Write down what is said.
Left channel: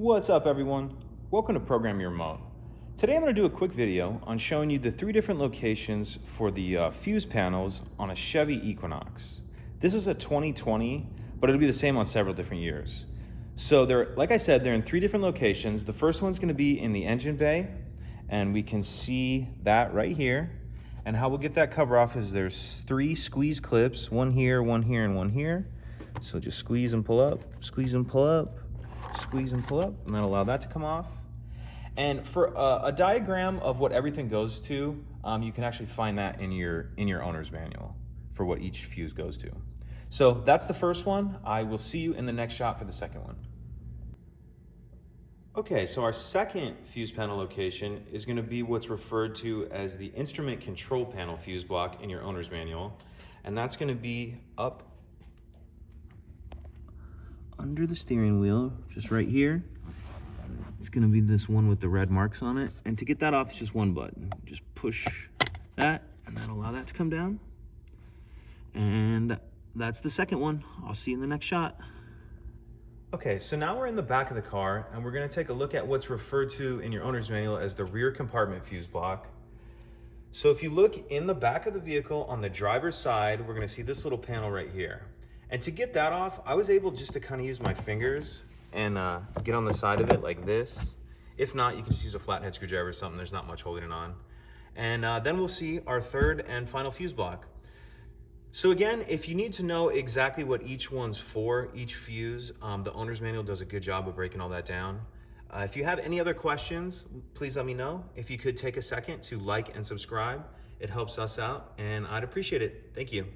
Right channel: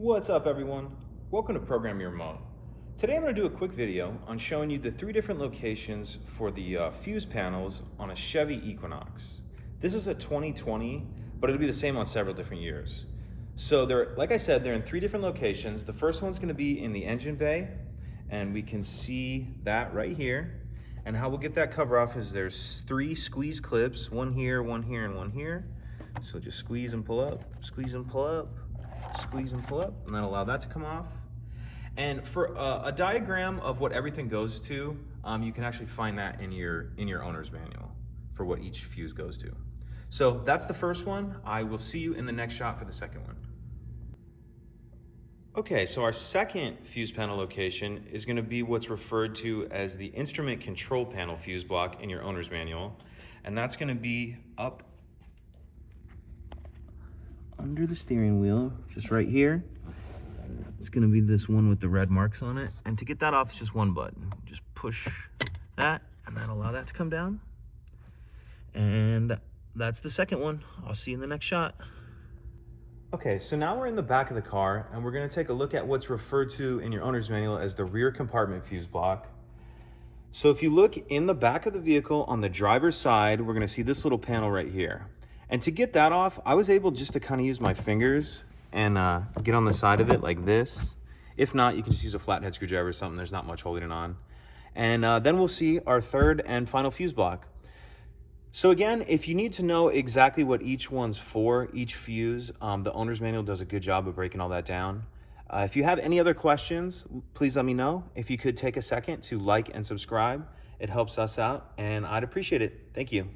What's up everyone? Welcome to Program Your Remote. Today I'm going to do a quick video on showing you the 3 different locations for the fuse panels on a Chevy Equinox. This is a 2020, but it'll be the same on several different years. So like I said, they're in 3 different locations. The first one's going to be in the engine bay, and we can see that right here. And how we'll get that cover off is there's 3 squeeze clips, one here, and one here. So just squeeze and pull up, squeeze and pull up, squeeze and pull up, and then allow that to come off. And for a diagram of what everything goes to, you can actually find that in your owner's manual for what each fuse goes to. So that's the first one. I will see you in the next shot for the second one. Okay, so our second fuse panel location is going to be what's referred to as the instrument control panel fuse block in your owner's manual. And that's going to be up under the steering wheel, just right here. It's going to be this one with the red marks on it. And to get that off, it's just one button. Just push that, and then allow that to come down. And that's the second one. I'll see you in the next shot. Okay, so now we're in the back of the car, and we're going to take a look at what's referred to in your owner's manual as the rear compartment fuse block. So if you look in the back of the vehicle on the driver's side, we're going to see this little panel right here. And to get that off, I was able just to kind of use my fingers and get on the side of it like this. If not, you can just use a flathead screwdriver or something. There's not much holding it on. And then we'll see our third and final fuse block. So again, if you need to know exactly what each one's for, each fuse, the owner's manual does a good job of breaking all that down. If you have any other questions, please let me know. If you could take a second to like and subscribe, it helps us out, and I'd appreciate it. Thank you.